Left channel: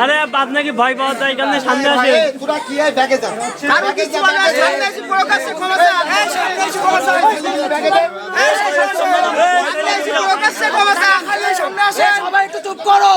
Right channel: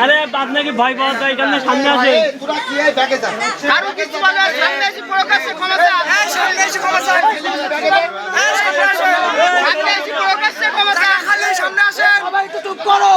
আরে আপনাকে ভয় পাওয়া তো এখানে সামনে আসে তোরা কি হয় ব্যাগে যা সামনে আসে সবাই একটু চুপ করো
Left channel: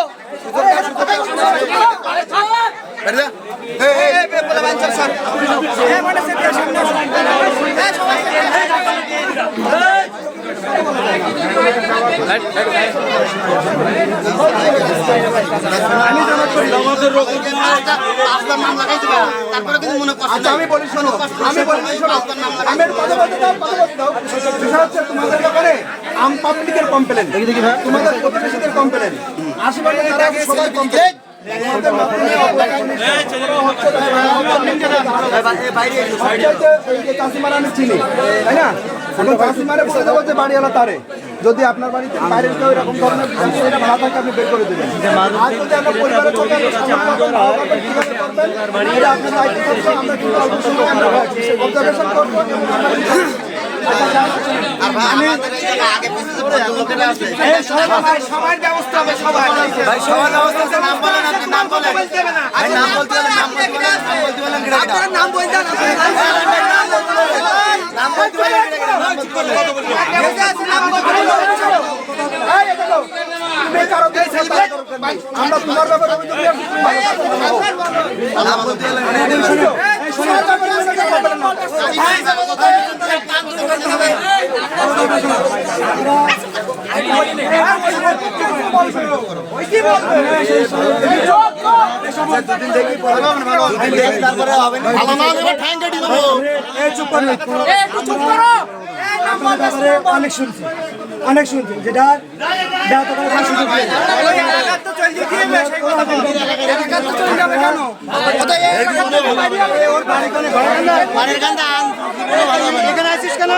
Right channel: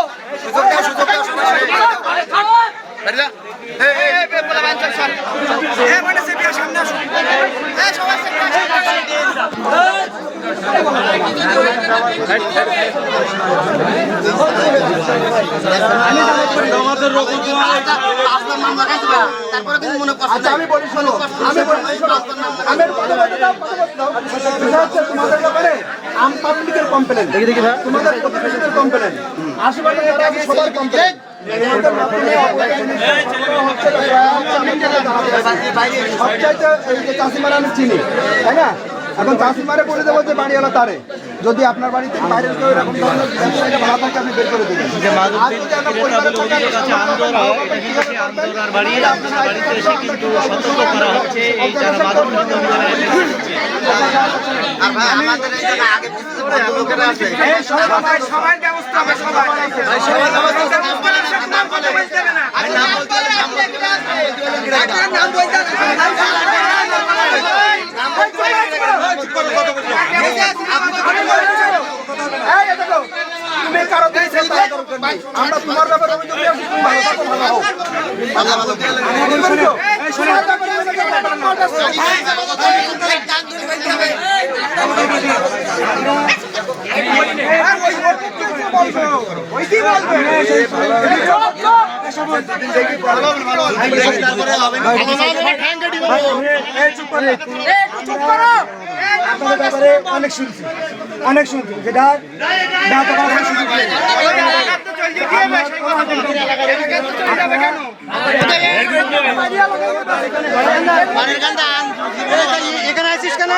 আমি বলি শোনো আমি কথা বলতে দাও তোমাদের ব্যাপারে আম পাবলিকের কমপ্লেন দেখি ভাই তোমাদের প্রতিবেশীদের কমপ্লেন আশেপাশে যারা সবার কমপ্লেন এই যে চাষিমারা আমি চিনি তাই না এখন চাষিমারে বলে দেবো যে বাড়িওয়ালা তারে যদি আপনার বাড়িতে বাইরের কেউ এরকম ধরনের ব্যবসায়ীরা ভাড়া থাকে আপনি বের করে দেবেন আর যদি আপনার পরিবারের থাকে কিভাবে করবেন এটা আপনার দায়িত্ব থাকবে আমরা কিন্তু অল্প সময় আমরা অবজারভেশন করবো সবার ব্যবস্থা আমরা তোমার ব্যাপারে অভিযোগ ভালো থাকো ভালো হোক অনেক শুনছি যেটা এখানে আসিস কেন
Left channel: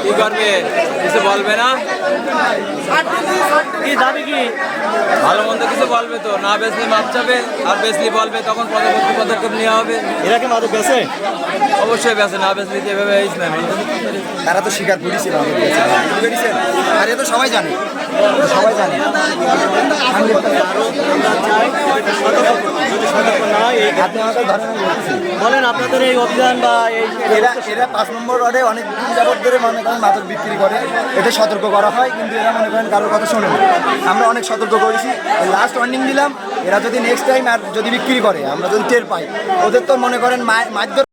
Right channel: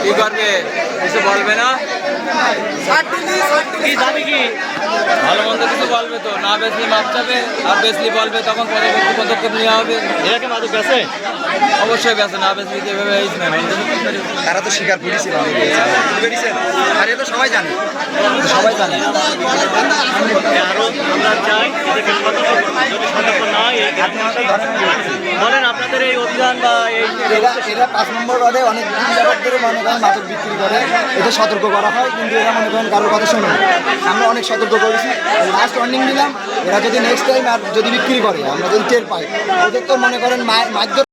কি করবে কিছু বলবে না কি যাবে কি ভালো মন্দ কিছু বলবে তো না বেচলি মাপ যাবে আর বেচলি বলবে তখন পরবর্তী পদক্ষেপ নেওয়া হবে এরা কি মাদক বেছে অবশ্যই বেচে না বেচলি যেভাবে তারা তো স্বীকার করেছিল আর এটা সবাই জানে বলেন আপনাদের এই অভিযানটা এরা 5 নম্বর ওয়ার্ডে অনেক দিন যাবত ধরে মনে করেন মাদক বিক্রি করে এটা সতর্ক করা হয় কিন্তু এরা মনে করেন কারোর কথা শোনে না আমরা অনেক সতর্ক করেছি লাস্ট ওয়ার্নিং দিলাম এরা যদি নেক্সট টাইম আর যদি বিক্রি করে আমরা যদি টের পাই ওদের তো মনে করেন মাধ্যম